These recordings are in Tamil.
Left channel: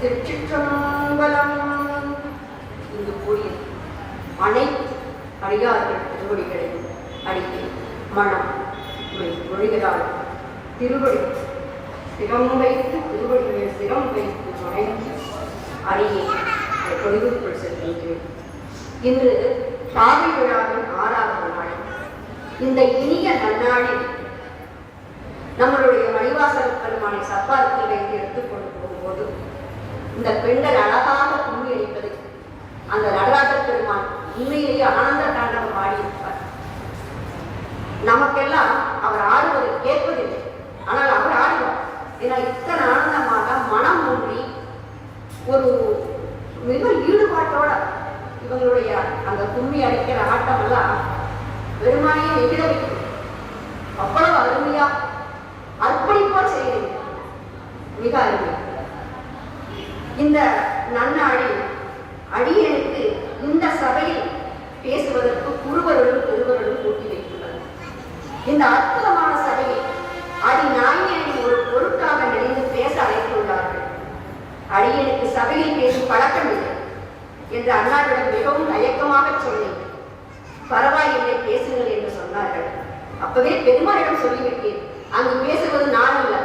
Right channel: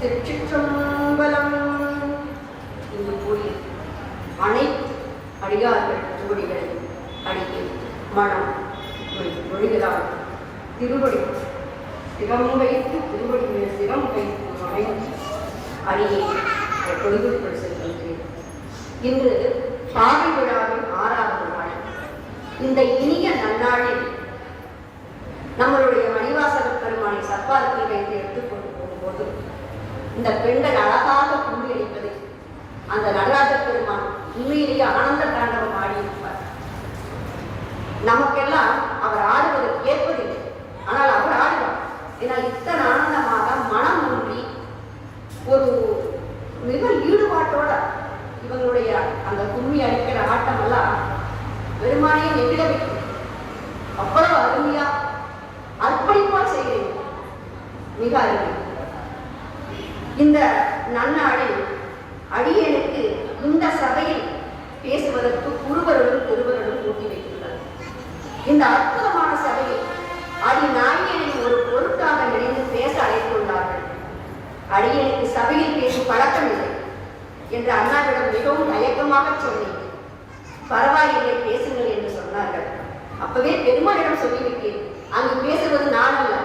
திருச்சிற்றம்பலம். இங்கு கூடிய அனைத்து அடியார்கள் திருவடிகளை அடிக்கை மனம் மொழிகளால் திருவடி சிரம் வைத்து திருவடிகளை சிரம் வைத்து வணங்கி அடியை பொழுதுக்குள் செல்கின்றேன். இன்று பாவை விழாவின் 6வது நாள். இந்த இனிய நன்னாளில் நம்மளுடைய மணிவாசக பெருமானை சப்பாரத்தில் வைத்து எடுத்துக்கொண்டு போகும்போது இந்த பெண்கள் அழகாக கும்பி அடிப்பதை அந்த நடராஜ பெருமான் உண்மையிலேயே ஆனந்த தாண்டவம் ஆடியிருப்பார். நமக்கெல்லாம் அவர் ஆடுவதை கேட்பதில்லை, ஆனால் அவர் ஆடுவார். ஏன்னா இத்தனை ஆனந்தமாக மனம் ஒன்றி ஒரு மிக ஈடுபாட்டோட இவங்களுடைய அந்த கும்மி அடிக்கிற ஆட்டம் எல்லாம் பெருமானையே நெகிழ வைக்கும். அவ்வளவு அருமையா அர்ப்பணிப்பா செய்கிறேன். மிக அருமை. இந்த நன்னாளில் அடியனுக்கு இந்த சபையில் பேசுவதற்கு குருவருடன் பெருவருடன் ஊட்டி வைக்கின்றது. இந்த அற்புதமான சபையை அடிநாயகனை ஒரு பொருட்டாக நினைந்து பேச அழைத்துள்ளார்கள். அடியனுக்கு சபையில் பேசும் பழக்கமில்லை என்று அண்ணாவிடம் மிகவும் தயக்கமாக சொன்னேன். பரவாயில்லை, பேசுங்கள் என்று சொன்னார்கள். அப்பவே பெருமானிடம் சொல்லிவிட்டேன், அங்கு பேசுவது நான் அல்ல,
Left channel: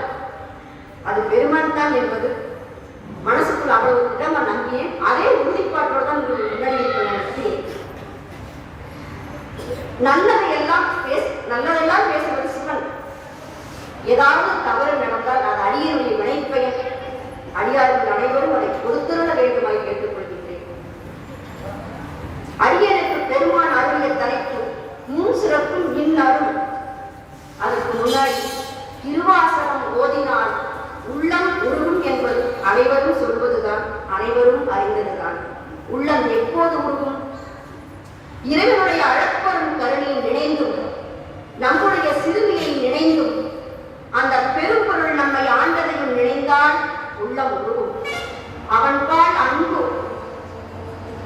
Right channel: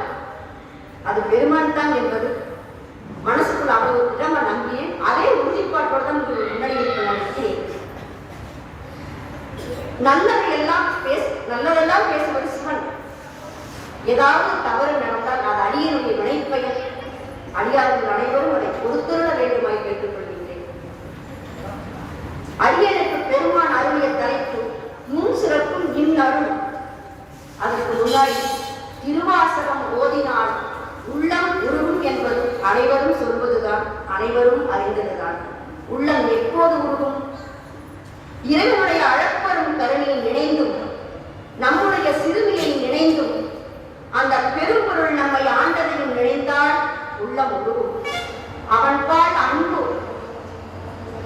அது பெருமான் தான் என்பது மனசுக்குள் அவ்வளவு திடமா நம்பினேன். அதே உறுதிப்பாட்டோடு தான் முன்னாடி நிறுத்தினேன். நல்லதெல்லாம் பேசுவது சிவன். ஏதாவது தவறு நடந்தால் அது அடியனுடைய வினைப்பயன். அடியார்கள் அனைவரும் அதை பொறுத்திருட வேண்டுமாய் கேட்டுக்கொள்கின்றேன். அடியனுக்கு பெருமான் அருளிய தலைப்பு முன் சிறப்பும் இன்னரும். அதற்கு முன்னாடி திருவாசகம் ஓதினால் உள்ளம் உருகும் என்பது அனைவரும் சொல்வதுதான், அனைவரும் அறிந்ததுதான். உள்ளம் எப்போது உருகும்? இறைவனுடைய அளப்பரும் கருணையில் நினைந்தும் நம்முடைய சிறுமியை நினைந்தும் அந்த பெரும்பொருள் நம்மை ஆண்டதையும் நினைந்தால் உள்ளம் உருகும். அவன்பால் அன்பு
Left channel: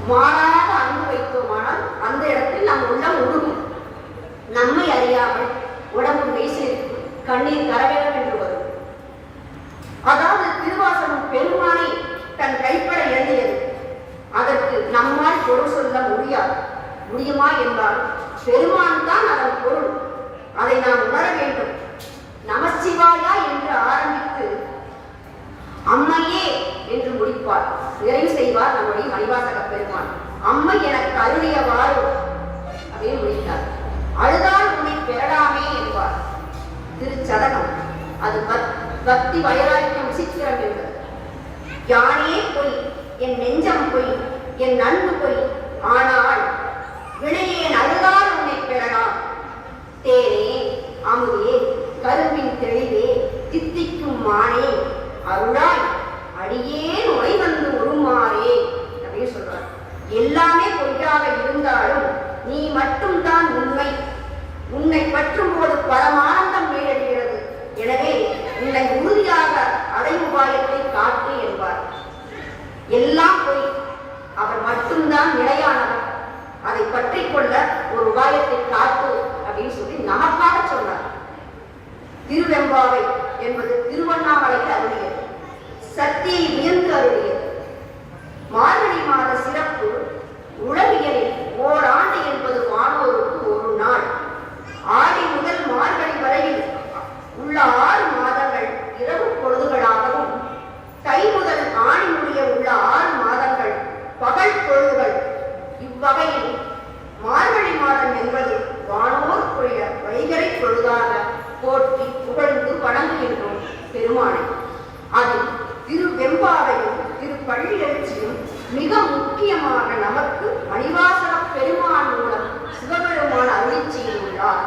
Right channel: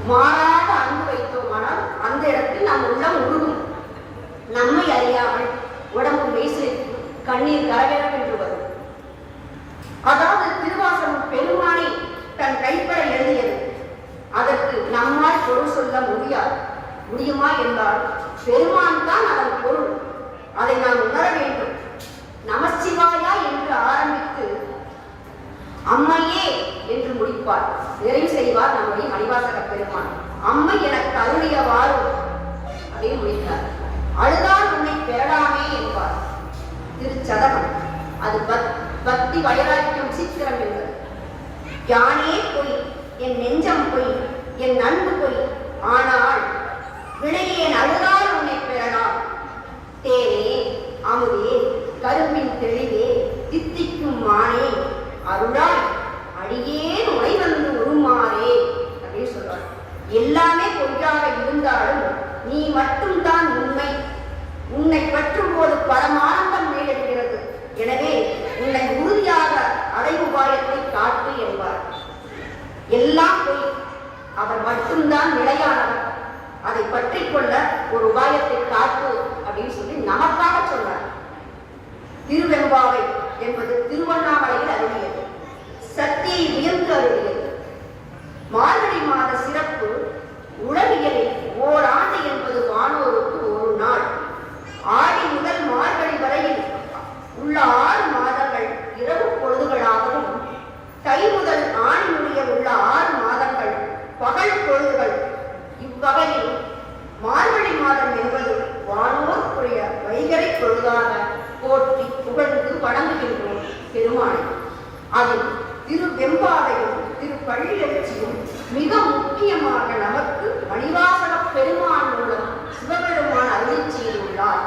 மாறாத அன்பு வைத்தோமானால் அந்த இடத்தில் நம் உள்ளம் உருகும். நம்மை அறியாமல் உடம்பு மெய்சிலிருக்கும், கண்ணீர் கரகரம் வரும். அதாவது திருவாசகம் பெருமானை தன் கைப்பட எழுதியது. அதற்கு நம்மால் பொருள் சொல்ல முடியுமா என்றால் பெருமான் தான் அதன் பொருள். அதை நாம் உணர வேண்டும். நமசிவாயா என்று ஆரம்பித்து அம்மையே என்று முடிப்பார், நிறைவு செய்வார் நம்முடைய மணிவாசக பெருமான். அம்மை எனக்கு அருளியவாறு அதை முடித்தார். அழுதால் உன்னை பெறலாமே என்பார் திருச்சதகம். அது பக்தி வைராக்கியம் சித்திரம் என்பது. யானே பொய், என் நெஞ்சம் பொய், என் அன்பு பொய், ஆனால் வினையேன் அழுதால் உன்னை பெறலாம். தேனே அமுதே கரும்பின் தெளிவே தித்திக்கும் மானே அருளாய் அடியேன் உரை வந்து உருமாறே அப்படின்னு சொல்றார். எல்லாமே பொய்யாக இருந்தாலும் நீ மட்டும்தான் உண்மை. உன்னை பற்றும் திருவெம்பாவை என்பது திருவண்ணாமலையில் அருளியது. சக்தியை உயர்ந்து அருளியது. மார்கழி மாத சிறப்பு உலகியலில் ஓராண்டு என்பது வானோருக்கு ஒரு நாள். ஆடி முதல் மார்கழி வரையில் உள்ள 6 மாதங்கள் இரவு பொழுதுகளாகவும், தை முதல் ஆணி முடிய உள்ள 6 மாதங்கள் பகல் பொழுதுகள். இவ்வகையில் மார்கழி மாதம் என்பது வானோருக்குரிய வைகரை பொழுதாக போற்றி புகழ்ந்து வணங்குகின்றோம் பெருமானை. அதில் திருவெம்பாவையும் திருப்பள்ளியெழுச்சியும் மிக முக்கியமாக நமக்கு மணிவாசக பெருமான் மூலம் சிவபெருமான் அருளி செய்துள்ளார்.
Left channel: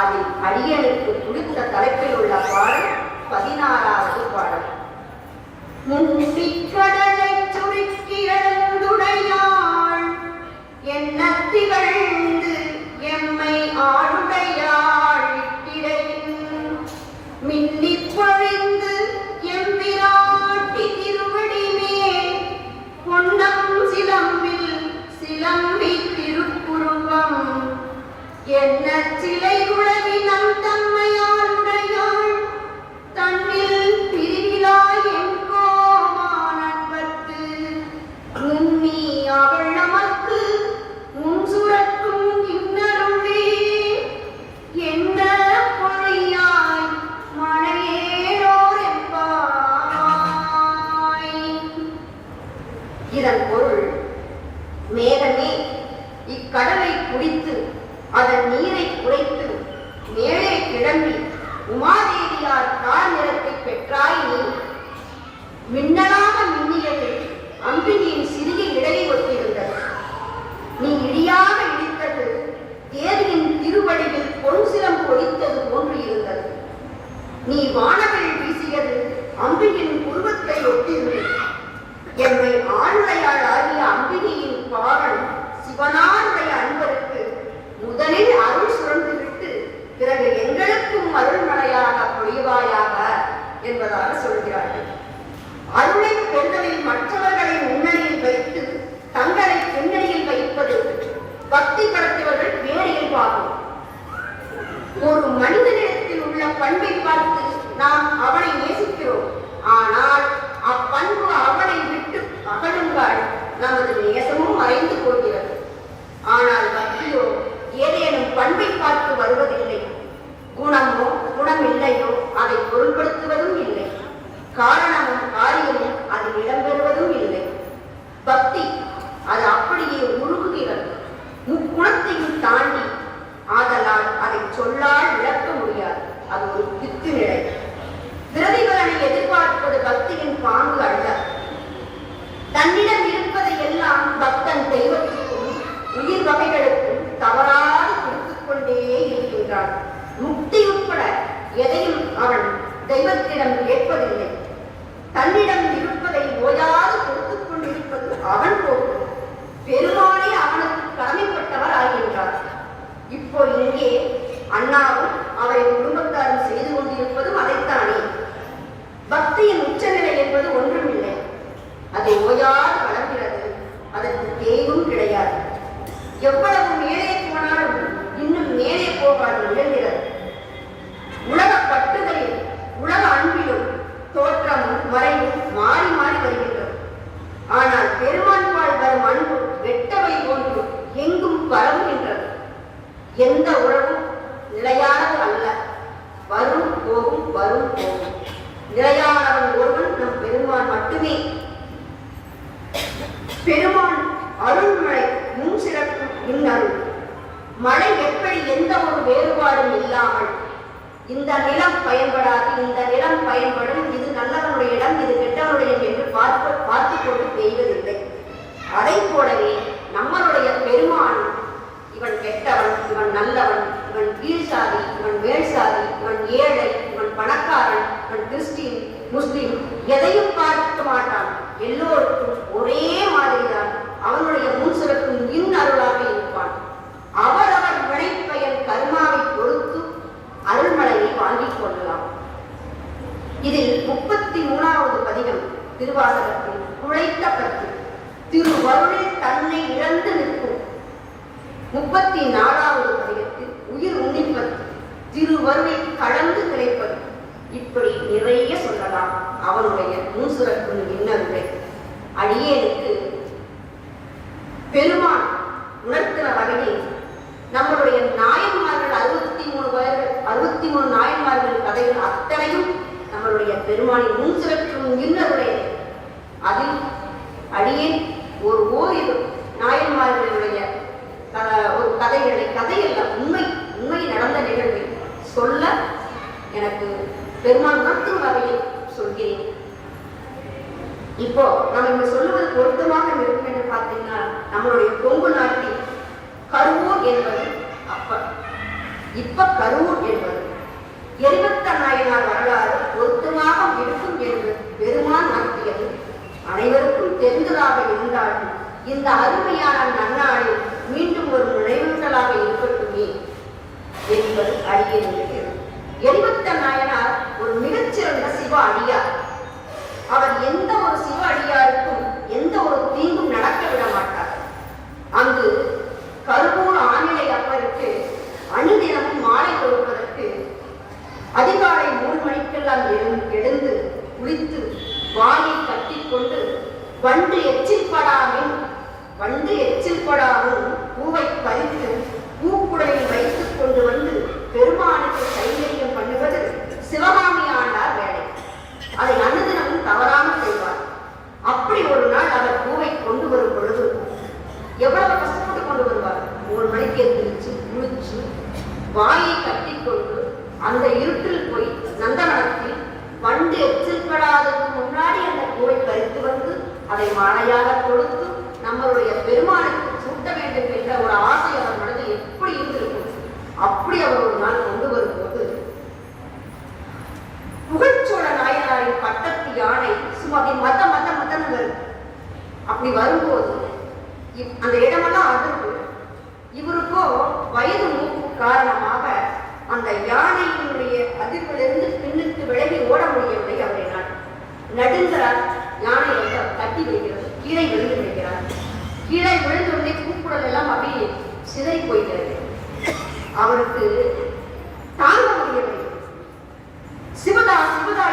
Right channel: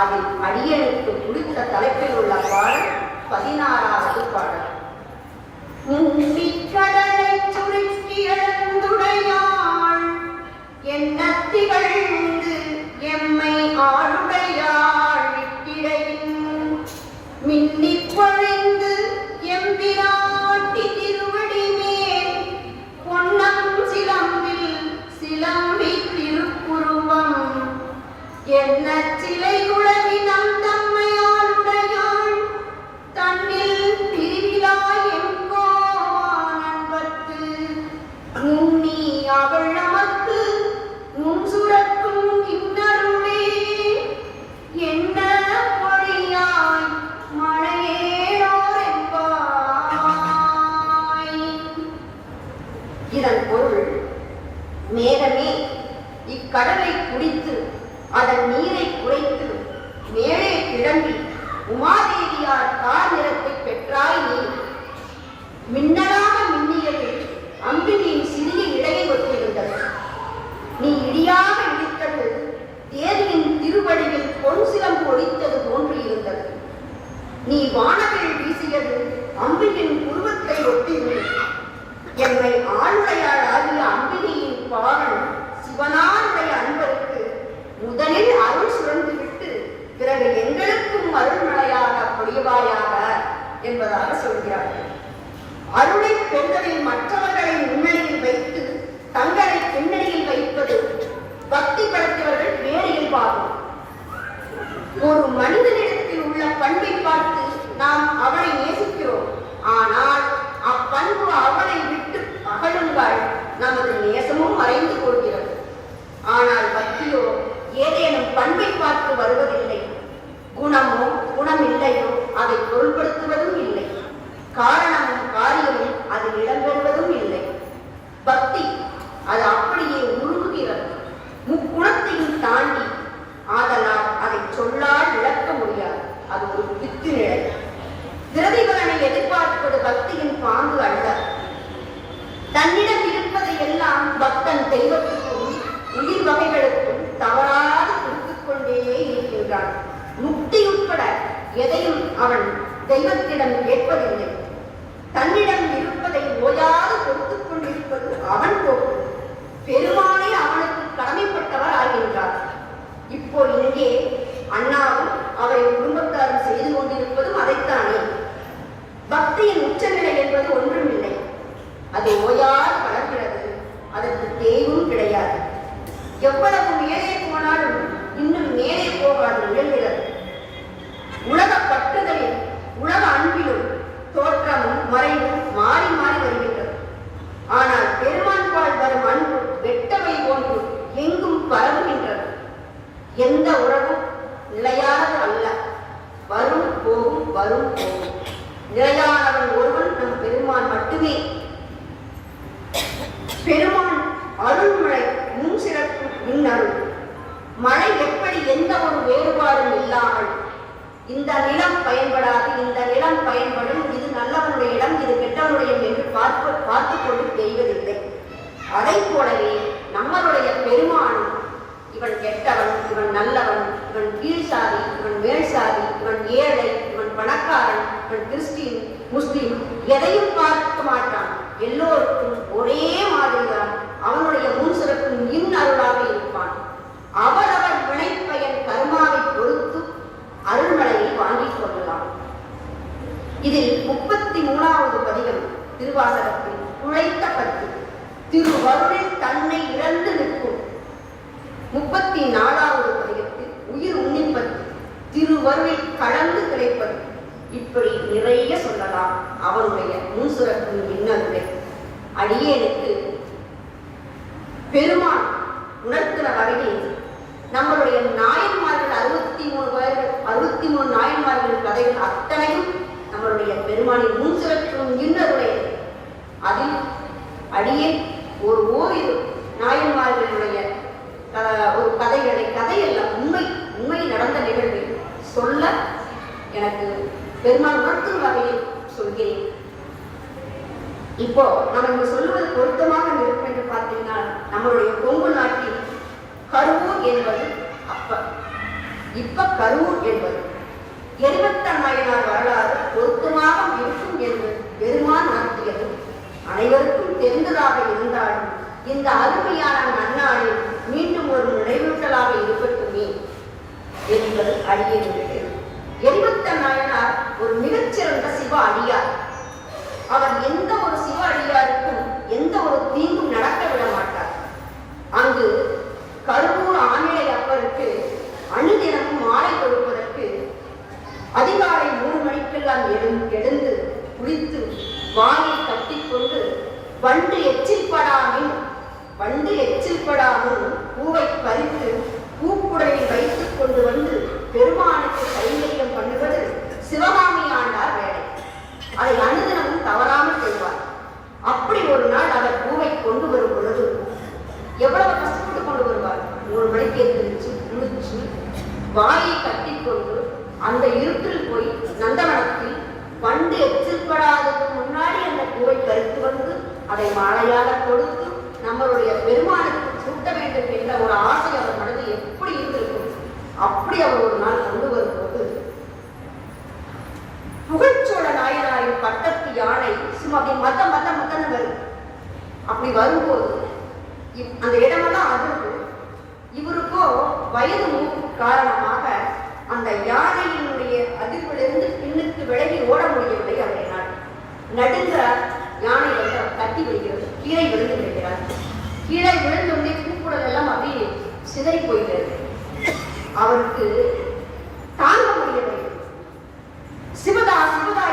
அதில் அடியனுக்கு பிடித்த தலைப்பில் உள்ள பாடல் 16வது பாடல். கடலை சுருக்கி எழுந்துடையாள் என்ன திகழ்ந்து எம்மை ஆளுடையாள் இட்டிடையின் மின்னி பொழிந்து எம்பிராட்டி திருவடி மேல் பொன்னம் சிலம்பில் சிலம்பி திருப்புருவம் என்ன சிலை உலகி நம் தம்மையாளுடையாள் தன்னில் பிரிவிலாய் எங்கோவானன்பர்க்கு நுண்ணி அவள் நமக்கு நுண் சுரக்கும் இன்னருளே என்ன பொறியாய் மழையேனோர் என்பாய். இதன் பொருள், மேகமே இக்கடலை குடித்து அதன் நீரை குறைத்து மேலே கிளம்பி உமாதேவியார் கார் நிறத்தை பெற்றாய் நீ. மின்னலாக மின்னியது அம்பிகையின் சிறிய இடையை ஒத்திருந்தது. நீ இடியாக இடித்தது தேவியின் திருவடியில் பொன் சிலம் பொழித்தது போன்று இருந்தது. நீ வானவில் வீசியது அம்பிகையின் உருவத்தை ஒட்டிருந்தது. எம்மை ஆளுடையாள் ஆகிய அம்பிகையின் பாவன் சிவனாருடைய அன்பருக்கு முதலில் அருள் சுரந்துவிட்டு பிறகு எங்களுக்கும் அருள்மழையாக பொழிவாயாக என்பதாக சொல்கிறார்கள். அருளை பெறுதலில் மற்றவர்களை முன்னணியில் வைத்து தங்களை பின்னணியில் வைப்பது பக்தி படைத்தவர்கள் வேறு இயல்பாகும். ஒரு மனிதனிடத்தில் உள்ள பண்பை பார்த்து நாம் அவனை நேசிக்கிறோம். ஆனால் அப்பண்பு அவனை விட்டு அகலுங்கள், நமது நேசமும் மறைந்து போகிறது. ஆனால் பக்தியோ ஏதேனும் பண்பை பார்த்து வருவதில்லை. குணமோ குணமில்லையோ அதை பொருள்படுத்துவதும் இல்லை. காரணமும் காரியமும் அதில் இடம்பெறுவதும் இல்லை. பக்தி அது அப்படியே உருகுகிறது, முக்குணத்தையும் தாண்டி. ஆதலால் அதை சொல்லால் விளக்க முடியாது. அது ஒரு வித்து நிலை. விரதிகளனை எதிர்பார்ப்பது பக்தியின் பாங்கு அல்ல. தன்னிடம் இருப்பதை எல்லாம் பக்தன் தெய்வத்துக்கும் உயிர் வகைகளுக்கும் தவறாது கொடுத்துக் கொண்டே இருக்கின்றான். முக்தி உட்பட எதையும் அவன் தெய்வத்திடம் கேட்பதில்லை. தன்னிடம் இருப்பதை ஓயாது கொடுத்துக் கொண்டிருப்பது அவன் போக்கு. பெருமானே அவனுக்கு கடமைப்பட்டவர் ஆகின்றார். இப்போ இங்கே அண்ணாவும் அவரை குடும்பத்தாரும் செய்து கொண்டிருப்பதும் அதைத்தானே. பக்தியின் உச்சநிலை என்பது ஒன்றுமில்லை. அது ஓயாது வளர்கிறது. அதற்கு தேய்வும் கிடையாது. எவ்வளவு மேலே போனாலும் இன்னும் மேலே போகாது முயல்கிறது. உலக பட்டுதலில் உலக அன்பிலும் தோற்றமும் மறைவும் மாறி மாறி வருகின்றது. ஆனால் பெருமான் பால் வரும் அன்பு வெட்டவை போன்று எங்கும் பரவுகின்றது. எந்த உறவும் நிலையானது அல்ல. வரும் போகும் வரும் போகும். நிலையானவன் ஒருவன் நம் பெருமான் மட்டுமே. பெருமான் அருள்மழை முன் சிறக்கும் இன்னருள். மழை எப்படி எந்த ஒரு வேறுபாடும் இல்லாமல் இந்த நிலம் பயன்படாது, இந்த நிலம் பயன்படும், இது நல்லவனுடைய இடம், இது கெட்டவனுடைய என்று பார்த்து கொண்டு பெய்வதில்லை. அதை போலவே நம்மளுடைய பெருமான் இவன் கெட்டவன், இவன் நல்லவன், இவன் கீழ் சாதி, இவன் மேல் சாதி, இவன் ஏழை, இவன் பணக்காரன், இவன் கிறிஸ்டின் முஸ்லிம் எதையும் பார்க்க மாட்டான். எல்லோருக்கும் ஒரே மாதிரிதான் அவனுடைய முன் சிறக்கும் இன்னருளாக இருப்பான். அவரவர் வினைப்பயன் கர்மாவை பொறுத்து அருள்மலையை வாங்கிக் கொள்ளலாம். இதில் 33வது பதிகம் திருவாசகத்தில் உழைத்த பத்து திருவருளில் தன்னை இழந்து நிற்கும். 34வது பதிகத்தில் உயிர் உன்னிப்பத்து திருவருளில் கலந்து கிடைப்பது. இப்படி நிறைய சொல்லலாம் அவருடைய முன்சுரக்கும் இன்னருளை. அடியேனுக்கு பெருமான் உணர்த்தின வகையில் நம்மளுடைய நாயன்மார்கள் 63 நாயன்மார்கள் கதைகள் அத்தனையும் நம்மளுடைய பெருமானின் முன்சுரக்கும் இன்னருடைய. அதில் அடியேன் ஒரு ஓரிரு நாயன்மார்களுடைய ஒரு கதையல்ல, உண்மை நடந்த நிகழ்வை சொல்ல எனக்கு பெருமான் உணர்த்தும் வகையில் சொல்கிறேன். இப்போ நம்ம இங்க சொல்லுவது பொருத்தமாக இருக்கும் என்று பார்த்தீங்கன்னா, நம்மளுடைய கொங்கு நாட்டில் கரூர் என்பது இப்ப கரூர் என்பது எரிவத்த நாயனார் வரலாறு பொருத்தமாக இருக்கும் என்று பெருமான் நடத்தியது அனைவருக்கும் தெரிந்ததாக இருந்தாலும் இந்த அருமையான நன்னாளில் மீண்டும் ஒரு நினைவூட்டலாக இருக்கட்டுமே என்பது அடியேனுடைய. எரிவத்த நாயனார் ஒரு மிகச்சிறந்த சிவ அடியார். அவர் எந்த ஒரு சிவ அடியாருக்கும் எந்த ஒரு தீங்கும் நடக்க விட மாட்டார். அங்கு கருவூர் ஆணிலை அப்பருக்கு அணுதினமும் மாலை கொடுப்பதற்கு அதிகாலை 3 மணிக்கெல்லாம் எழுந்து குளித்து வாயை கட்டிக்கொண்டு வண்டு எச்சில்படாமல் பூவை பறித்து பூக்குடலில் வைத்துக் கொண்டு வந்து பெருமானுக்கு கைங்கரியம் பண்ணுவது சிவகாமி ஆண்டார் வேலை. அதை அனுதினமும் தவறாமல் செய்வார். அப்படி ஒரு நாள் அவர் பூவை கொண்டு வரும் பொழுது எவ்வளவு கஷ்டப்பட்டு கொண்டு வருவார். 3 மணிக்கு எழுந்திரிச்சு குளிச்சு வாயை கட்டிக்கொண்டு அந்த இருட்டில் போய் நந்தவனத்தில் வண்டு எச்சில்படாததுக்கு முன்னாடி அந்த பூவை பறித்து வந்து அதை மாலையாக கொடுத்து நம்மளுடைய பெருமானுக்கு சூட்ட வேண்டும் என்ற ஒரு ஆசை அவர் மனது எப்படி இருந்திருக்கும். அப்படி அவர் ஒரு நாள் கொண்டு வரும்போது புகழ்ச்சோழ நாயனாரின் பட்டத்து யானை சும்மா மத்தன்னு வரும். அப்படி வரும்போது அந்த இடமெல்லாம் அதிர்வு. இவருக்கோ வயது மூப்பு காரணமாக அந்த யானையினுடைய அதிர்விலிருந்து பின்னுக்கு விலகி ஓட முடியவில்லை. அவரினால் நடுங்க யானை வந்து தட்டி விடுகிறது. கீழே விழுந்து விடுகிறார். கீழே விழுந்துள்ளே பூக்குடல் எல்லாம் அப்படியே சிதறி போய்கிறது. அவருக்கு தாங்க முடியவில்லை. சிவதா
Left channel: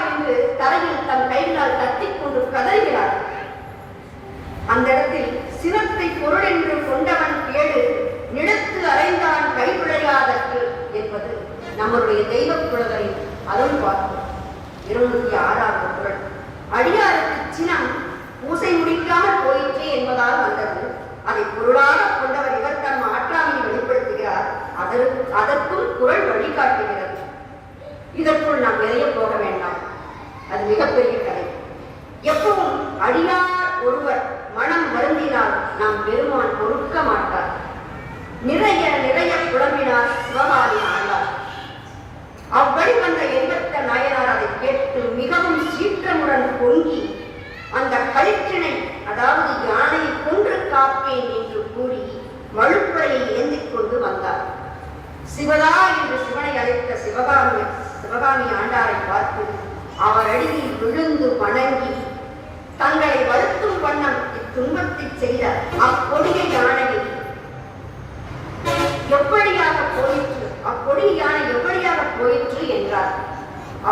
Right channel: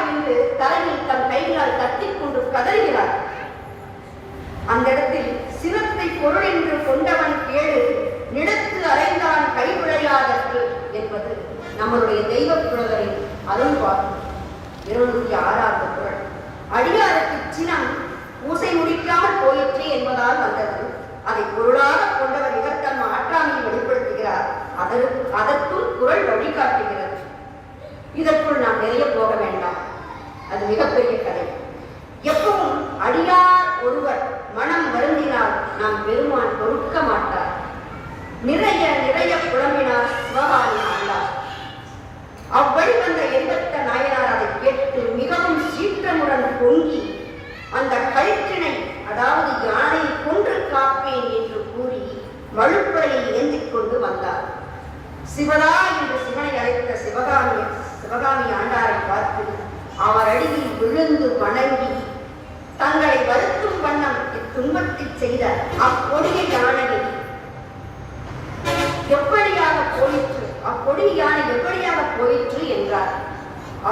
என்று தரையில் தன் கைகளால் தட்டிக் கொண்டு கதறுகிறார். அந்த இடத்தில் சிரத்தை பொருள் என்று கொண்டவன் கேடு நிலத்து அறைந்தான் கை விளையாதற்கு என்பது நம்மளுடைய தெய்வ புலவரின் அருள்வாக்கு. 206ஆவது குறள். அடியாருக்கு சினம் பூசை முடிக்காமல் போயிற்றே என்பதால் வந்தது. அதை பொருளாக கொண்டவர் இவர் தம் ஆற்றாமையை வெளிப்படுத்துகிறார். அதற்கும் குறள் வழிகாட்டுகிறது. இதற்குள் நாம் நிறைய போக வேண்டாம். அது மிகப்பெரிய கதை. எப்பவும் அடியார் ஒருவர் மனம் வருந்தினால் நாம் பெருமான் பொறுக்க மாட்டார். நிறைய புலம்பினார் சிவகாமி ஆண்டார். அவ்வழி வந்த எரிவத்த நாயனார் அதை கேட்டு மிகவும் சீற்றமுடன் பொங்கி அந்த கயிற்றினை, அதாவது யானையை கொன்று காப்பேன் என்று கூறி வழுப்பையை ஏந்திக் கொண்டு வந்தார். சிவதா என்று சிவனை அழைத்த சிவகாமி ஆண்டாரை பார்த்து அவர் அடியில் விழுந்து வணங்கி தங்களை வருத்தும் வண்ணம் இத்துன்பத்தை செய்த அக்கொடிய யானையை அக்கொடிய யானை எப்படியாக போயிற்று என்றார்.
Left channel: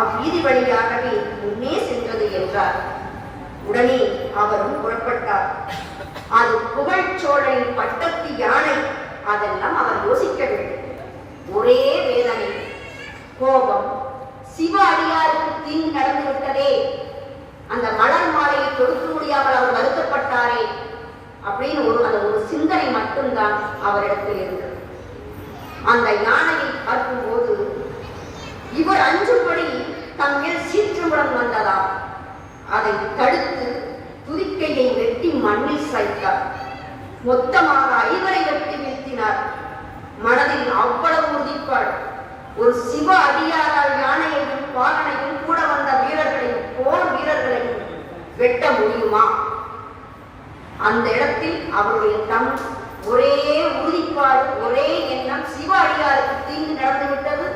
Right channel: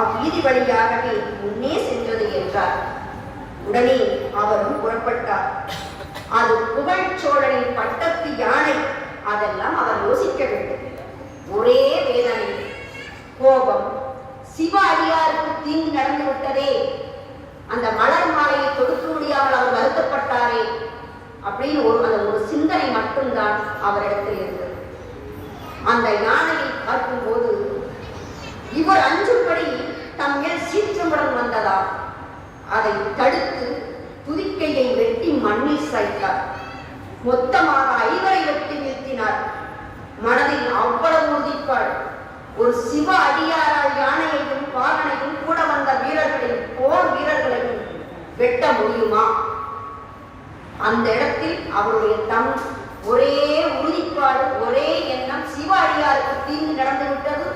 அவ்வீதி வழியாகவே முன்னே சென்றது என்றார். உடனே அவரும் புறப்பட்டார். அது புகழ்ச்சோழனின் பட்டத்து யானை. அதெல்லாம் அவர் யோசிக்க வேண்டும். ஒரே வேதனை, கோபம். சிவ அடியாருக்கு தீங்கு நடந்து விட்டதே, அந்த மலர் மாலையை கொடுக்க முடியாமல் அவர் வருத்தப்பட்டாரே அப்படின்னு ஒரு சிந்தனை மட்டும்தான் அவரிடத்தில் இருந்தது. அந்த யானையை பார்க்கும்போது இவர் அஞ்சும்படி தம் மேல் சீற்றமுடன் வந்ததா அதை தடுத்து துதிக்கையை வெட்டி மண்ணில் சாய்த்தார். மொத்தமாக 5 வெட்டி வீழ்த்தினார். மனதில் அவ்வளவு உறுதிப்பாடு. ஒரு சிவ அடியாரால் யானையையும் பாகனையும் கூட வந்த வீரர்களையும் போர் வீரர்களையும் வெட்ட முடியுமா? அந்த இடத்தில் அவருடைய தம் ஒரே உறுதிப்பாடு, ஒரே எண்ணம், சிவ அடியாருக்கு தீங்கு நடந்து விட்டது,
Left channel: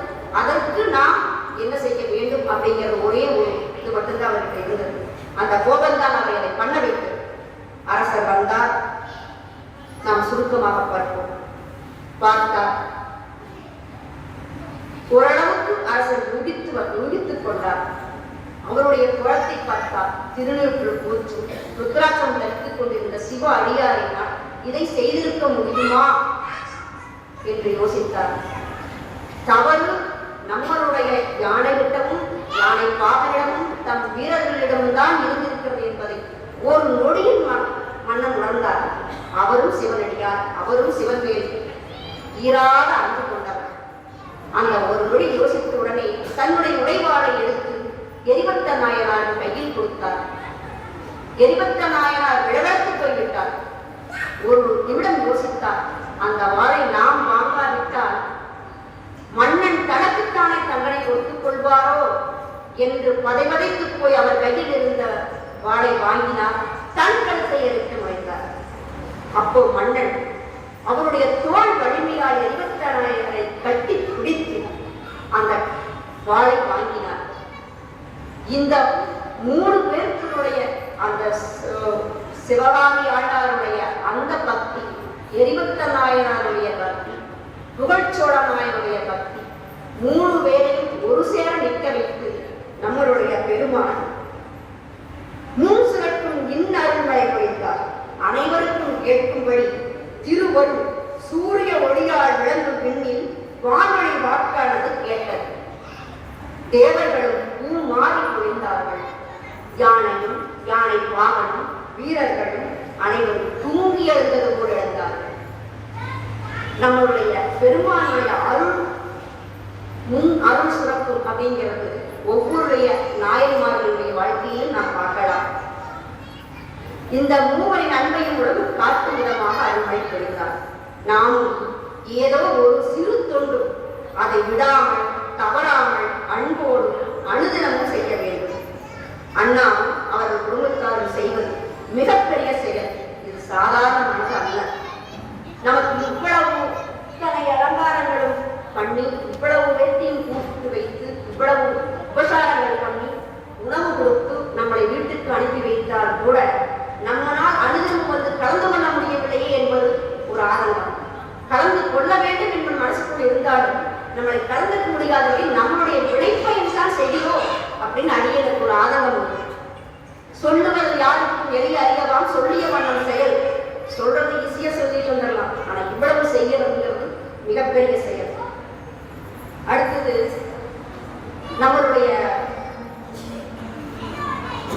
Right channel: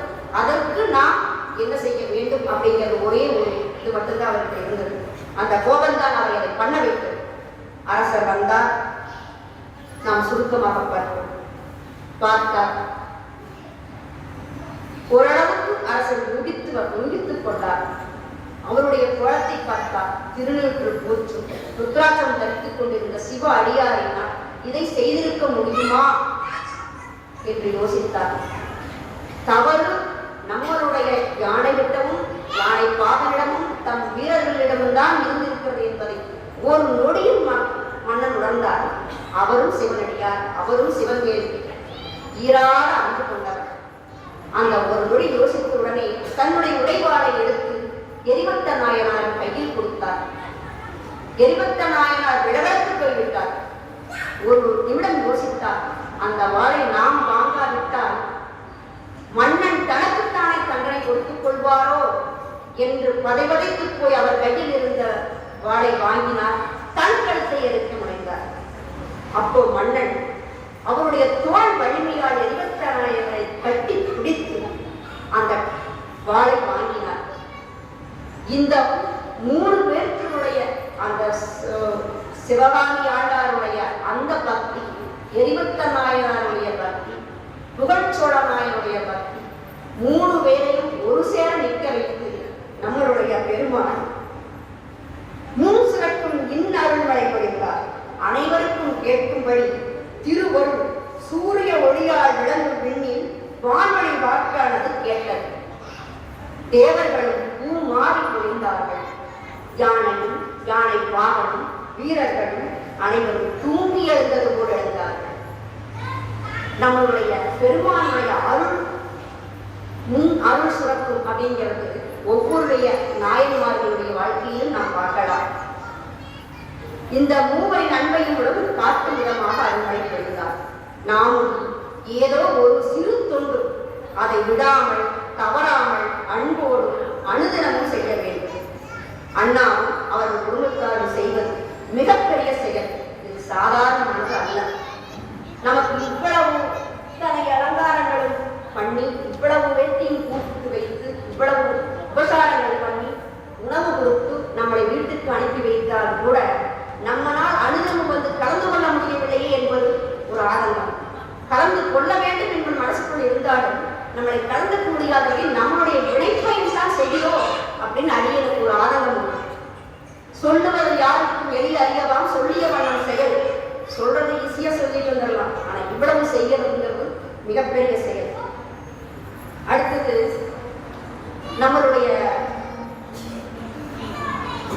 அதற்கு நாம் என்ன செய்ய வேண்டும் அப்படிங்கிறது ஒரே ஒரு இது மட்டும்தான் அவருக்கு இருந்தது. அந்த கோபம்தான் அவரை அதை பண்ண வைத்தது. அரசர் வந்தார். நாம் சுருக்கமாக பார்ப்போம். பார்த்தார். ஓரளவு அரசர் யூகித்துக் கொண்டார். அவருடைய குளத்தை பார்த்தார். திருநீற்று போச்சு ருத்ராட்சம் தரித்துக் கொண்டிருந்த சிவ அடியாரினால் இதை செய்திருக்க முடியுமா என்று யோசித்தார். தவறு நம்மளுடைய யானையிடமும் யானை பாகனிடமும் தம் வீரர்களிடமும் தான் இருந்திருக்கிறது என்பதை ஒரு நொடியில் மன்னன் உணர்ந்தார். அவரும் சிவனடியார், அவரும் சிவன் மேல் ஈராக அன்பு கொண்டார். அந்த ஒரு நொடி யோசித்த உடனே தன்னுடைய உடைவாளை எடுத்து எரிபக்த நாயனார் கையில் கொடுத்தார். எரிபக்த நாயனார் விடவெடுத்து போய்விட்டார். ஒரு நிமிடம் யோசித்தார். அந்த வாளை நாம் வாங்காவிட்டால் மன்னன் தனக்குத்தானே தண்டனை கொடுத்துக் கொள்வாரோ என்று பதைவதைத்து போய் அவர் கையில் இருந்த வாளை வாங்கினார். தன் கழுத்தை எடுத்து முனைந்தார். அப்போ மன்னன் அவருடைய தோல் வலிமையால் எரிபக்த நாயகரை கட்டி பிடித்து அந்த வாளை வாங்கினார். இந்த 3 பேர்களுடைய அந்த சிவகாமி ஆண்டாருடைய அந்த பக்தி, எரிபக்த நாயனாருடைய பக்தி, புகழ்ச்சோழ நாயனுடைய பக்தி, 3 பேரையும் ஒரு சேர நிற்க வைத்து நம்மளுடைய பெருமான் மூன்சுரக்கும் இன்னருள்களை பொழித்தார். அனைவருக்கும் கேட்கும்படி திருவள் சூரிய ஒளியால் விளங்கும் விண்ணில் வான்வழி வாக்கானது கேட்டது. தேவர்களும் பூ மாறி பொழிந்தார்கள். யானையும் யானை பாகனும் வீரர்களும் அனைவரும் தூங்கி எழுந்தது போல் எழுந்தார்கள். நம்மளுடைய பெருமானுடைய அருள் சுரக்கும் அப்படிங்கிறது ஒவ்வொரு நாயன்மார்களுடைய வாழ்க்கையிலும் நாம் பார்க்கலாம். இந்த மூவரின் அன்பையும் உறவு காட்டும் விதமாக அருள்மழை பொழிந்தார். நாமும் ஏதோ ஒரு சிறு தொண்டு அதை விடாமல் தவறாமல் அன்போடு அனுதினமும் செய்ய வேண்டும். அண்ணா அவர்கள் குடும்பத்தாரும் செய்வது மிகப்பெரிய செயல். இது சாதாரணமானது அல்ல. நமக்கு இவ்வளவு இத்தனை அலங்காரங்களும் பண்ணி, இவ்வளவு வேட்டியும் கூப்பிட்டு வைத்து, இவ்வளவு உபசாரங்கள் பண்ணி, உணவு கொடுத்து நம்மளை வீட்டுக்கு அனுப்பி வைத்தால் கூட நம்மளால் அனுதினம் வந்து கலந்து கொள்ள முடியவில்லையே என்பது ஒரு ஆதங்கம். கலந்து கொள்ள வேண்டும் என்பது மனசுக்குள் இருந்தாலும் நம்மளை கலந்துக்க முடியாதவை நம்மளுடைய விளைப்பையும் தான் செய்கிறோம் அப்படின்னு அறியஎனக்கு ஒரு ஆதங்கம் உண்டு. சொல்லுவது யாருக்கும் எளிய அறியலாம், சொல்லிய வண்ணம் செயல். சொல்றது ஈஸியா சொல்லிட்டு வந்துடலாம், ஆனா இவ்வளவு செய்யறதுங்கிறது மிகப்பெரிய செயல். அடுத்தது நம்மளுடைய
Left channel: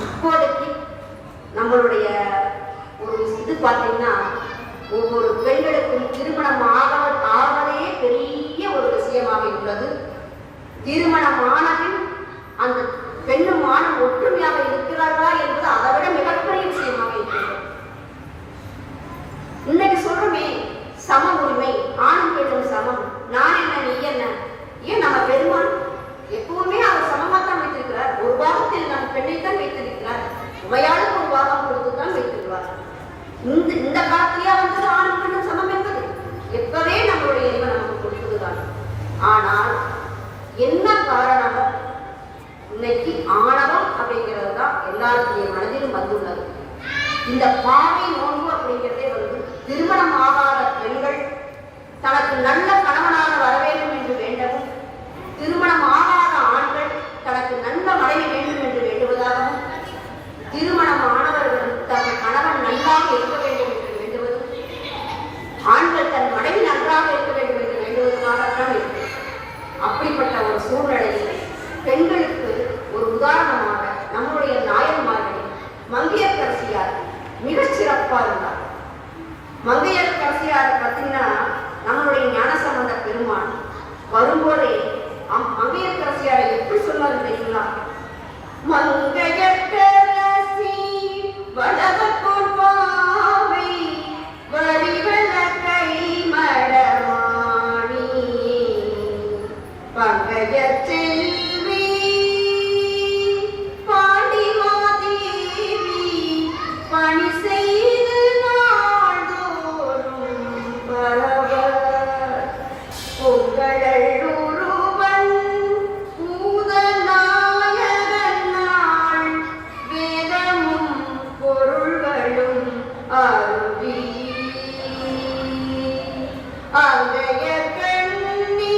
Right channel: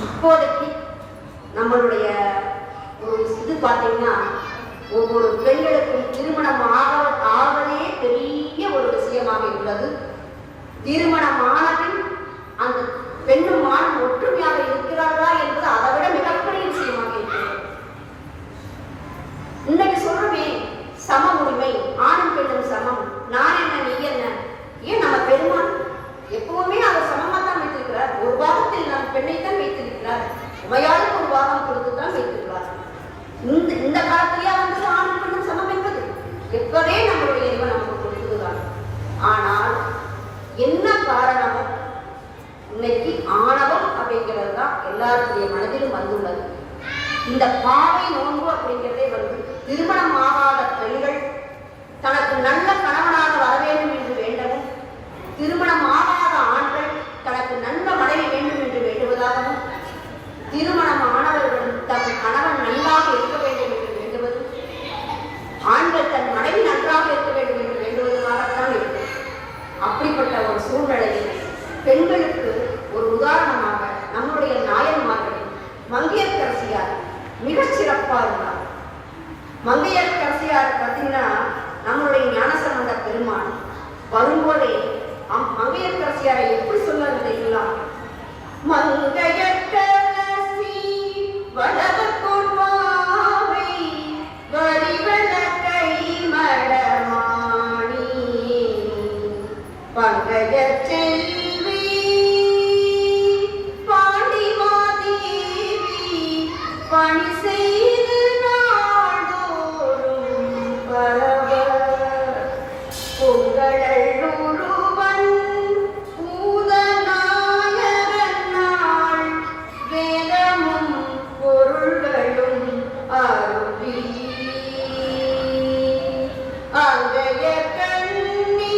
இப்போதைக்கு நம்மளுடைய ஒரு இது பார்த்தீங்கன்னா, ஒவ்வொரு பெண்களுக்கும் திருமணம் ஆவதே பெரிய ஒரு விஷயமாக உள்ளது. திருமணமானதில் அந்த பெண்ணும் ஆணும் ஒற்றுமையாக இருக்கிறார்களா என்பது அதை விட மிகப்பெரிய விஷயமாக இருக்கிறது. இன்னைக்கு சொல்றமே சம உரிமை, ஆணும் பெண்ணும் சமம், நான் என்ன நீ என்ன. ஏன் நம்ம பெருமான் எப்பவுமே அவர் சமமாக தான் வைத்திருக்கிறார். ஒரு பாகத்தில் நம் பெண்ணைத்தான் வைத்திருக்கிறார். உமையாளுக்கு ஒரு பாகம் கொடுத்துதான் வைத்திருக்கிறார். இந்த காலத்திலேயே வந்தது ஆணும் பெண்ணும் சமம் என்பது எப்பவே நம்மளுடைய இறைவன் நமக்கு கொடுத்ததுதான். ஆனால் என்ன காரணமோ இன்னைக்கு ஆணவம் அப்படிங்கிறது தான் எல்லாருடைய மனதிலும் வந்துள்ளது. இந்த பாவை நோன்பு அப்படிங்கிறதே வந்து திருமணம் ஆகாத பெண்கள் தனக்கு நல்ல கணவனாக வர வேண்டும் என்று வேண்டவும், திருமணம் ஆகாத ஆண்கள் தனக்கு நல்ல மனைவி வேண்டும் என்று வேண்டுவதாகவும், திருமணம் ஆனவர்கள் தன் கணவன் நன்றாக இருக்க வேண்டும் என்று வேண்டுவதும், ஆண்கள் தன் மனைவி நன்றாக இருக்க வேண்டும் என்று வேண்டுவதற்காகத்தான் இருக்கு. அப்படிப்பட்ட ஒரு சூழ்நிலையில் பெண்களுக்கு ஒரு உதாரணமாக நம்முடைய நாயன்மார்களில் மங்கையர்க்கரசியார் மிக சிறப்பாக இருந்தார். மங்கையர்க்கரசியார் பார்த்தீங்கன்னா, நம்மளுடைய ஞானசம்பந்த பெருமான் வரும்போதே மங்கையர்க்கரசியாரை எப்படி சொன்னார் தெரியுங்களா? மங்கையர்க்கரசி வளவப்போர் பாவை வடிவல கை மடமாணி பங்கஜ செல்வி பாண்டிமாதேவி பணி செய்து நாள்தோறும் பரவ பொங்கலூருவன் பூதநாயகன் நாள் வேதமும் பொருள்களும் அருவி அங்கைய கண்ணி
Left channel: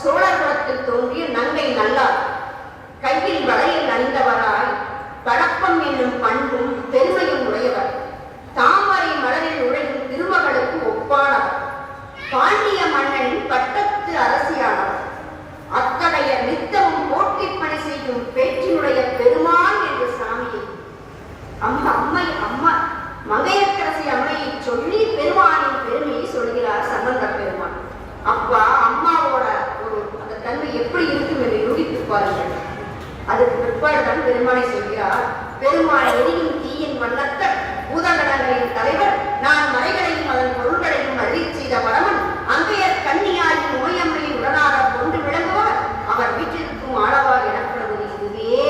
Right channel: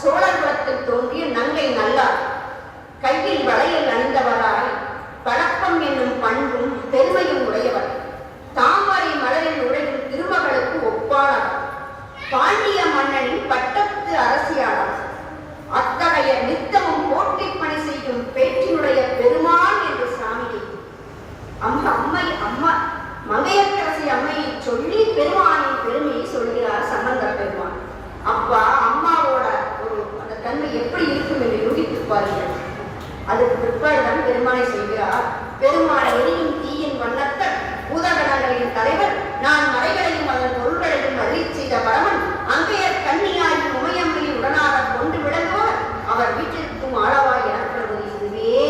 சோழர் குலத்தில் தோன்றிய நங்கை நல்லார். கையில் வளையல் அணிந்தவராய் பழக்கம் என்னும் பண்பும் பெருமையும் உடையவர். தாமரை மலரில் உடையும் திருமகளுக்கு ஒப்பானவர். பாண்டிய மன்னனின் பட்டத்து அரசியானவர். அத்தகைய நித்தமும் போட்டி பணி செய்யும் பேச்சினுடைய பெருமான் என்று சாமியை அம்மா மங்கையர்க்கரசி அம்மையை சொல்லி பெருமானின் பெருமையை சொல்கிறார் சம்பந்த பெருமான். அப்பா அம்மாவோட ஒரு அந்த தன்மை எப்படி இருக்கும் என்று யூகித்து பாருங்கள். அதுக்கு பிற்பாடுதான் பெருமானை சொல்கிறார். பெருமான் எரியும் தீயின் வண்ணத்தர் பூதகணங்களின் தலைவர் நான் மலைகளையும் அதன் பொருள்களையும் அள்ளி செய்த வரமன் அங்கையர் கன்னியாரி உமையம்மையை உடனாக கொண்டு விளங்குவார் அவர் வீட்டிற்கும் ஆளவா எனப்படுவது இதுவே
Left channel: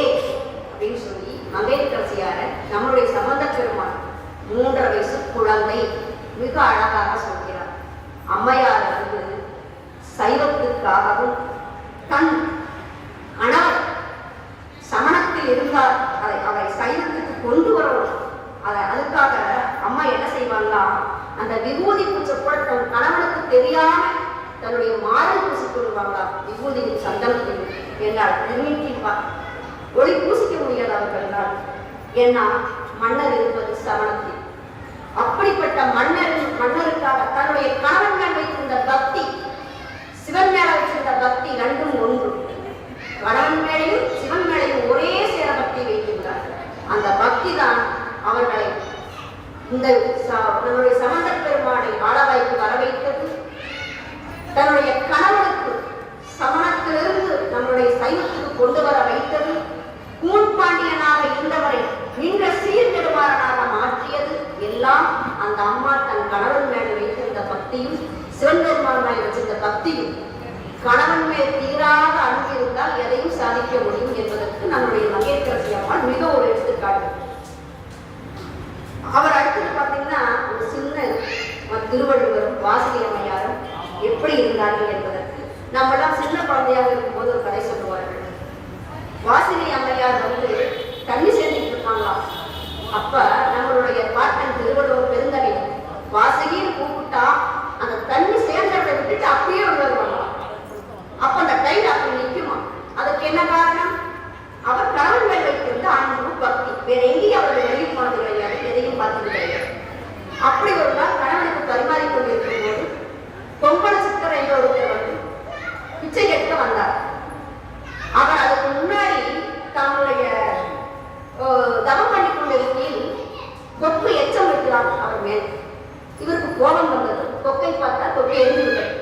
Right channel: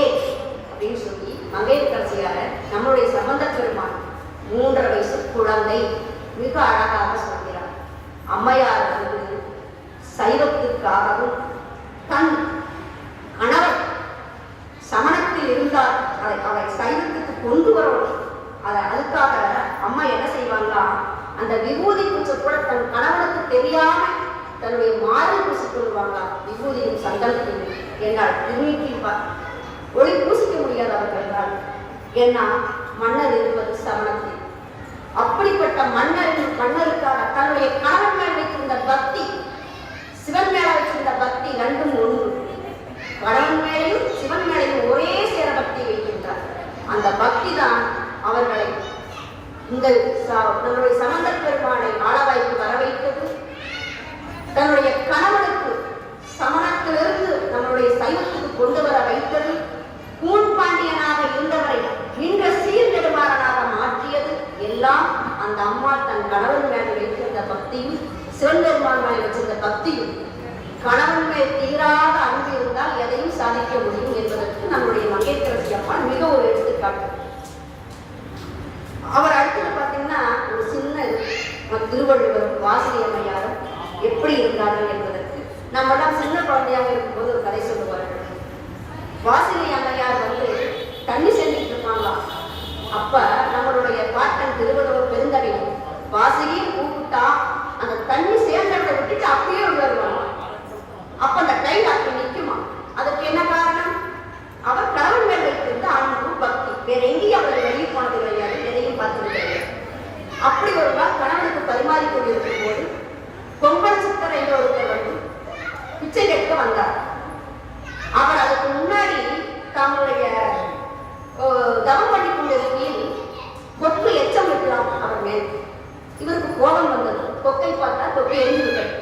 அப்படின்னு சொல்லி மங்கையர்க்கரசியார நம்முடைய சம்பந்த பெருமான் 3 வயசு குழந்தை மிக அழகாக சொல்கிறார். அம்மையார் வந்து சைவத்துக்காகவும் தன் கணவர் சமணத்தில் இருந்தார் அவரை சைவத்துக்கு கொண்டு வரணும். அதுக்காக அம்மா என்ன செய்வாங்களா, அந்த விபூதி பூச்சை கூட தன் கணவனுக்கு தெரியாம தன்னுடைய மாறல் பூசி கொள்வாங்களா. விபூதியும் சந்தனத்தையும் என்னால் திருநீட்டிப்பா ஒளி பூசிக்க முடியாது அவர்களால். ஏன்னா மன்னர் இருப்பது சமணத்தில். அப்படிப்பட்ட மன்னருக்காக தன்னுடைய கணவன் மேல் வைத்திருந்த பக்தி, சிவன் மேல வைத்திருந்த பக்தி ரெண்டும் ஒன்று. கணவன் மேலையும் சிவன் மேலையும் ஒரே சேர பக்தி வைத்திருந்தார். அந்த பக்தி தான் அவர்களை இந்த தன்னுடைய சம்பந்த பெருமானை ஆளவாய்க்கு வர வைத்தது. தன்னுடைய கணவனுக்கு சமணத்திலிருந்து தன்னுடைய சைவத்துக்கு கொண்டு வர வைத்தது. கூன் பாண்டியனாக இருந்தவரை நின்ற சீர்நெடுமாறனாக மாற்றியது எல்லாம் அந்த அம்மா தன் கணவன் மேல் வைத்திருந்த பக்தியும் சிவன் பெருமான் மேல் வச்சிருந்த பக்தியும். கணவன் மேல் தீராத அன்பு இருந்தால் எதையும் சாதிக்க முடியும் என்பதற்கு நம்முடைய மங்கையர்க்கரசி அம்மாள் மிக ஒரு எடுத்துக்காட்டு. அவர் அடுத்தது பார்த்தீங்கன்னா ஒரு சின்ன திருவள்ளுவர் வாசகி அம்மையாரும் எப்படி இருந்தார்கள் என்பதற்கு நம்மளாம் சின்ன குழந்தையாக இருக்கும்போது ஒரு கதை சொல்லுவார்கள். வாசகி அம்மையார் வந்து தண்ணி சேர்ந்துட்டு இருப்பாங்களாம். அப்ப நம்மளுடைய பாட்டன் திருவள்ளுவர் பெருந்தகை வாசகின்னு கூப்பிட்டா அந்த தண்ணி சேர்ந்ததை விட்டுட்டு அப்படியே வருவாங்க. அப்ப அந்த கையில் அப்படி நிற்குமா. அதுக்கு என்ன காரணம்? அவர் கணவன் மேல் வைத்திருந்த அன்பு பக்தி. வேற எங்கேயும் அவர்கள் வெளியே போனது கிடையாது, எதையும் பார்த்தது கிடையாது. அப்படி ஒரு நாள் கணவனுக்கு பரிமாறி கொண்டிருக்கும் போது கொங்கண சித்தர் என்ற ஒருவர் வந்து பிச்சை கேட்க வந்தார். அவர் அதுக்கு முன்னாடி தன்னுடைய தவம் பண்ணி கொண்டிருக்கையில் கொக்கு எச்சம் வைக்கிறார் அவர் மேல். இவருக்கு கோபம் வந்தது. கொக்கை பார்த்தா கொக்கை எரிந்துவிட்டது.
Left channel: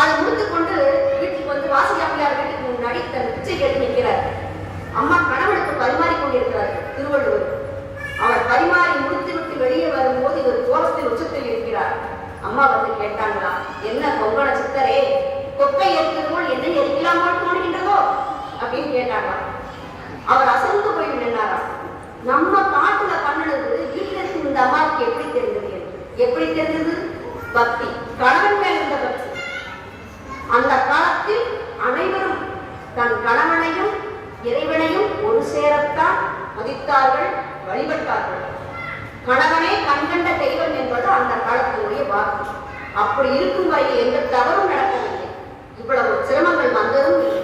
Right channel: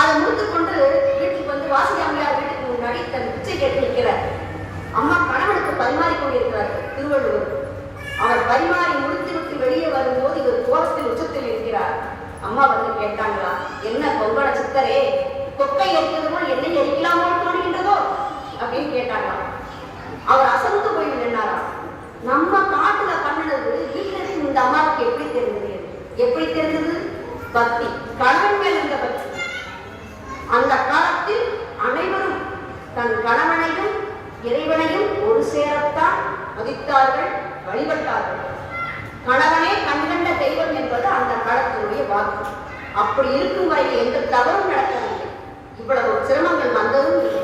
அதை முடித்துக் கொண்டு வீட்டுக்கு வந்து வாசகி அம்மையார் வீட்டுக்கு முன்னாடி தன் பிச்சை கேட்டு நிற்கிறார். அம்மா கணவனுக்கு பரிமாறி கொண்டிருக்கிறார்கள் திருவள்ளுவர். அவர் பரிமாறி முடித்து விட்டு வெளியே வரும்போது இவர் கோபத்தில் உச்சத்தில் இருக்கிறார். அம்மா வந்து கேட்டாங்களா, என்ன கொங்கண சித்தரே, கொக்கை எரிக்கிறதோ என்ன எரிக்கலாமோ தோணுகின்றதோ அப்படின்னு கேட்டாங்க. அவர் அசந்து போய் நின்றாரா. நம்ம காட்டுல பண்ணினது வீட்டுல இருந்து இந்த அம்மாவுக்கு எப்படி தெரிந்தது? எப்படி தெரிந்தது? பக்தி, கணவன் மேல் இருந்த பக்தி. அந்த காலத்தில் அனைவரும் தன் கணவனையும் இறைவனையும் ஒரு சேரத்தான் மதித்தார்கள், வழிபட்டார்கள். கணவனே கண்கண்ட தெய்வம் என்பது அந்த காலத்தினுடைய வாக்கு. அப்படி இருக்கும் வரை எந்த தவறும் நடக்கவில்லை. இவ்வளவு சிரமங்கள் வந்ததும் இல்லை.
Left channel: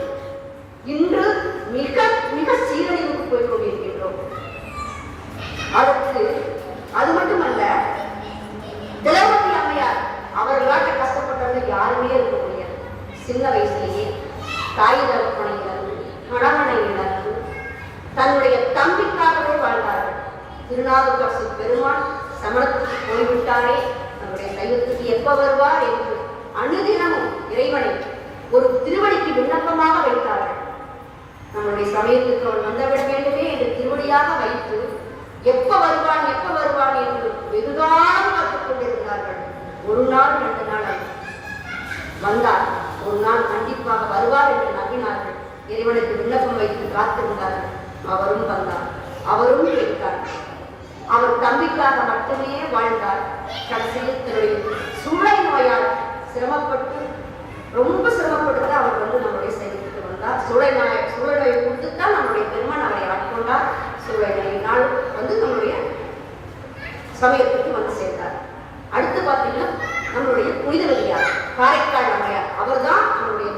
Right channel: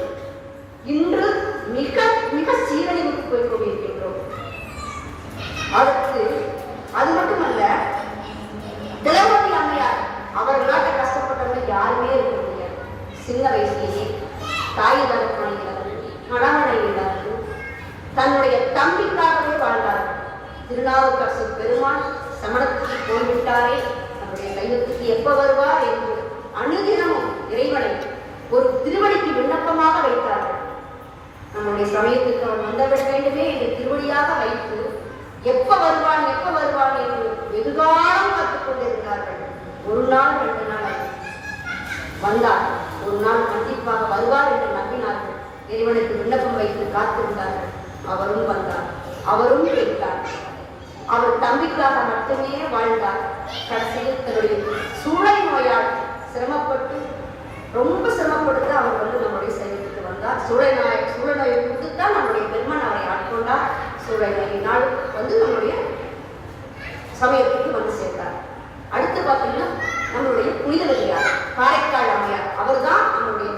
இன்று மிக மிக சீரழிவுக்கு போய் கொண்டிருக்கின்றோம். அதற்கு அது மட்டுமல்ல, திலகவதி அம்மையார் அவர்களாட்ட கஷ்டப்பட்டவங்க யாருமே இருக்க முடியாது. சின்ன வயசுலேயே தாய் தகப்பனை இழந்து, கணவனை இழந்து, தன்னுடைய தம்பிக்காகவே வாழ்ந்தார்கள். திருநாவுக்கரசு பெருமான் சமணத்துக்கு போய்விட்டாரே, நம்முடைய சைவத்துக்கு எப்ப வருவார் என்று அனுதினமும் இறைவனை ஒரு திருவடிக்கு விண்ணப்பமாக வைத்தார்கள். நம்முடைய சமயத்துக்கு அவர் வந்துவிட வேண்டுமே என்று திருவடியாக வைத்து எப்ப வருவான் என்று வெகுகாலம் காத்துக் கொண்டிருந்தார்கள். ஒரு நாள் 2 நாள் வந்தார். ஒரு நாள் கண்டிப்பாக வருவார் என்று நம்பினார்கள். இறைவனுக்கு விண்ணப்பம் வைத்து காத்திருந்தார்கள். அவரும் வந்தார். அவரும் கேட்டார். அவர் தம்பிக்காக மட்டுமே வாழ்ந்தார். கடைசியில் தன்னுடைய சூளை நோயால் சிரமப்பட்டு ரொம்ப சிரமப்பட்டு அவர் வந்து நம்முடைய சைவத்துக்கு வந்தார். சூளை நோயை கொடுத்துத்தான் நம்முடைய பெருமான் அவரை ஆட்கொண்டார். சூளை நோயினால் வந்து நம்முடைய சமயத்துக்கு வந்து சேர்ந்தார். அடுத்து பார்த்தீங்கன்னா நம்மளுடைய புனித வெளியார் காரைக்கால் அம்மையார். அவர் தான் நம்முடைய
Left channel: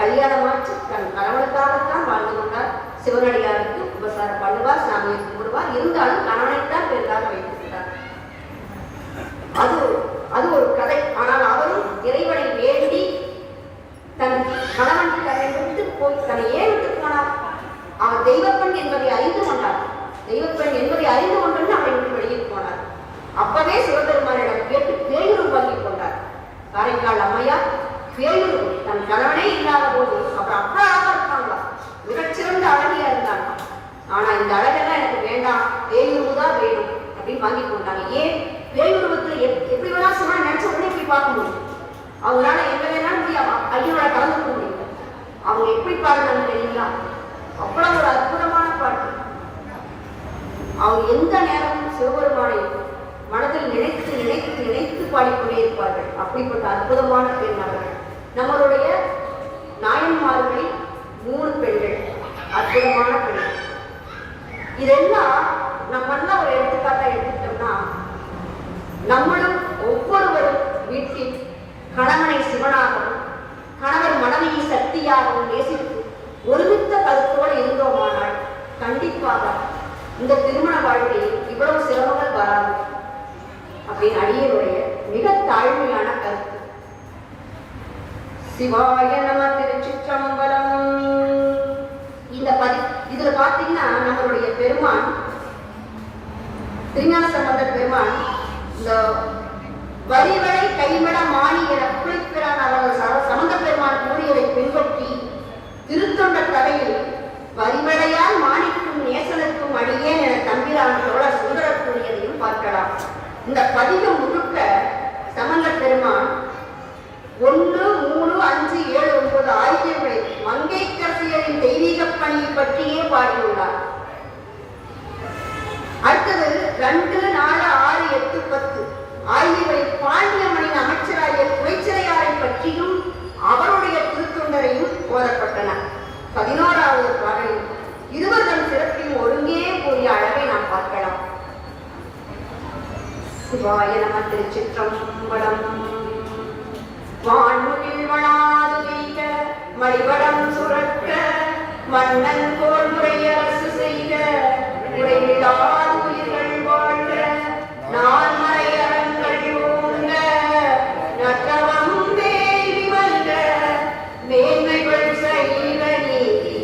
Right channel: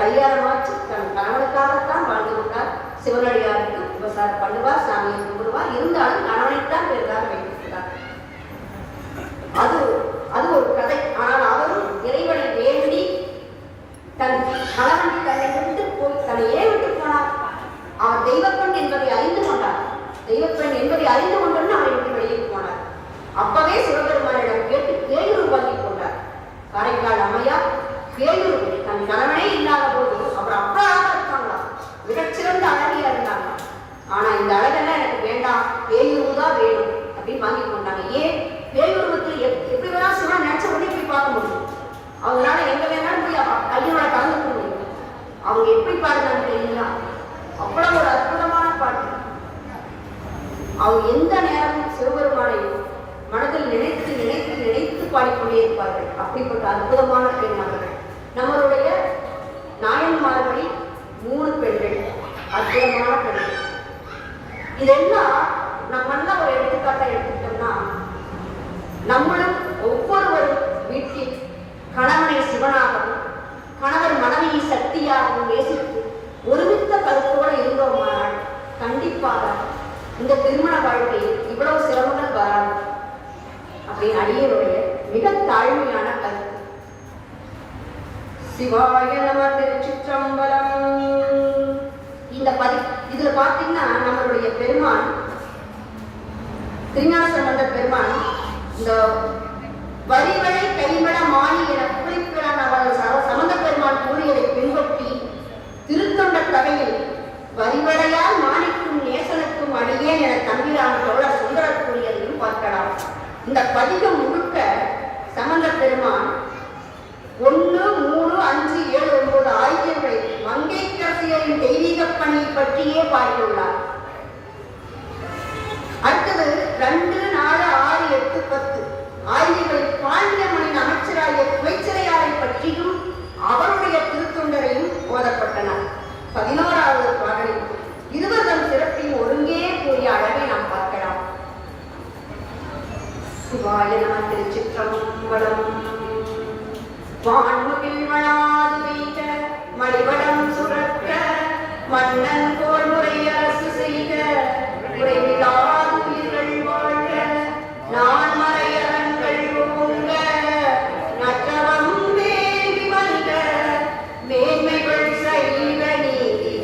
கல்யாணமாச்சு தன் கணவனுக்காகத்தான் வாழ்ந்து கொண்டார். சிவனடியாருக்கு விவசாயம் பண்ணுவார், சாமியை கும்பிடுவார், இருந்தாலும் கணவனைத்தான் பெரிதாக வைத்திருக்கிறார். அது ஒரு கதை. ஆனால் அவரும் இறைவனை வேண்டி தன் கணவன் தன்னை விட்டு போய் தன்னை ஏன் விட்டு போனார்? அவர் தெய்வப்பெண் என்பதை அறிந்து கொண்டார். தெய்வப்பெண் என்பதை அறிந்து கொண்டு அவரை விட்டு வெளியே போனார். அப்பவே சிவபெருமானிடம் கேட்டு பேயூர் வாங்கி கொண்டார். காரைக்கால் அம்மையார் பேயூர் தன் கணவனே இல்லாத போது அவர் அப்பாவாக இருப்பாங்களா, மிகச்சிறந்த அழகியா இருந்தாங்க. ஆனா இந்த அழகெல்லாம் எனக்கு வேண்டாம், பேயூர் தான் வேணும் அப்படின்னு வாங்கி கொண்டாங்க. ஏன்? பேயுருவத்தில் எப்படி வேணா சிவன் நினைச்ச உடனே போய் பார்க்க முடியும். அவங்களால எங்க வேணாலும் போய் கையோட கலந்துக்க முடியும். அவங்க எப்படி பாடுறாங்க தெரியுங்களா? அவ்வளவு ஒரு அற்புதமான பாட்டு. அவர் எந்த நேரமும் சிவபெருமானை மனதில் நினைத்து நினைத்து நினைத்து பாடிக்கொண்டே இருப்பார்கள். அப்படிப்பட்ட அற்புதமான பெண் அவர்கள். நம்மளுடைய நாயன்மார்களில் 3 பெண்கள், அற்புதமான பெண்கள். இதெல்லாம் நம்மெல்லாம் ஒரு எடுத்துக்காட்டை எடுத்துட்டோம்னா, நம்மளும் ஒவ்வொருவரும் வீட்டில் கணவனை சிவனாகவும் கணவர் மனைவியை சக்தியாகவும் நேசித்து ஒருமித்த கருத்தோடு இருந்தோமானால் கண்டிப்பாக இந்த திருமண வாழ்க்கையில் இவ்வளவு சிரமங்கள் வராது அப்படின்னு அடியனுடைய மிக தாழ்மையான கருத்து. சிவாய நம. திருச்சிற்றம்பலம். இதுல பாத்தீங்கன்னா நம்மளுடைய பெருமான் திருஞான சம்பந்தர் பெருமான் இந்த வரிவளை கைவிட மாணி என குறிப்பிடான் அவர்கள் சம்பந்த பெருமான் கூறியதை பின்பற்றி திருத்தொண்ட கதையில் வரிவளையால் மாணிக்கும் நேசனுக்கும் அடியேன் என தம்பிரான் தோழர் சுந்தரர் கூறியதையும் பார்க்கலாம். இந்த பதிகம் முழுக்க சம்பந்த பெருமான் 1, 3, 5, 7, 9 ஆகியவர்களை மங்கைக்கரசியரின் தெய்வீக பணியை பற்றியே பாடியுள்ளார். அடுத்தது 2, 4, 6, 8, 10 ஆகியவை பாண்டியமணின் அமைச்சராகிய குவைச்சிறையாரை பற்றியும் அவருடைய திருத்தொண்டரையும் ஓதப்பட்டன. 11வது பாடலில் இருவரும் சிறப்பையும் ஒருங்கே கூறிய அழகை நாம் பார்க்கலாம். சிவாய நம. திருச்சிற்றம்பலம். வான்முகில் வளாது வைக்க மடிவடம் சுரக்க மன்னன் போல் முறையரசு செய்க இறைவிடாது உயிர்கள் வாழ்க நான் மறையரங்கள் ஓங்க நற்றவம் வேலி வந்த மேன்மைகள் செய்வ நீதி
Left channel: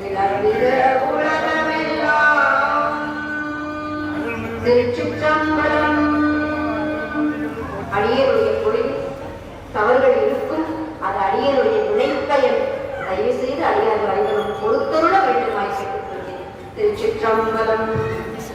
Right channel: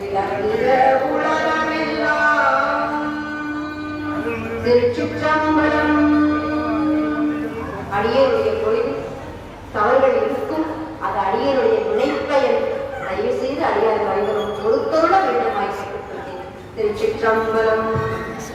விளங்குக உலகமெல்லாம். திருச்சிற்றம்பலம். அடியனுடைய பொழிவு தவறுகள் இருக்கும், அது அடியனுடைய வினைப்பயன். தயவு செய்து அடியார்கள் அனைவரும் பொறுத்தருட வேண்டுமாய் கேட்டுக்கொள்கிறேன். திருச்சிற்றம்பலம்.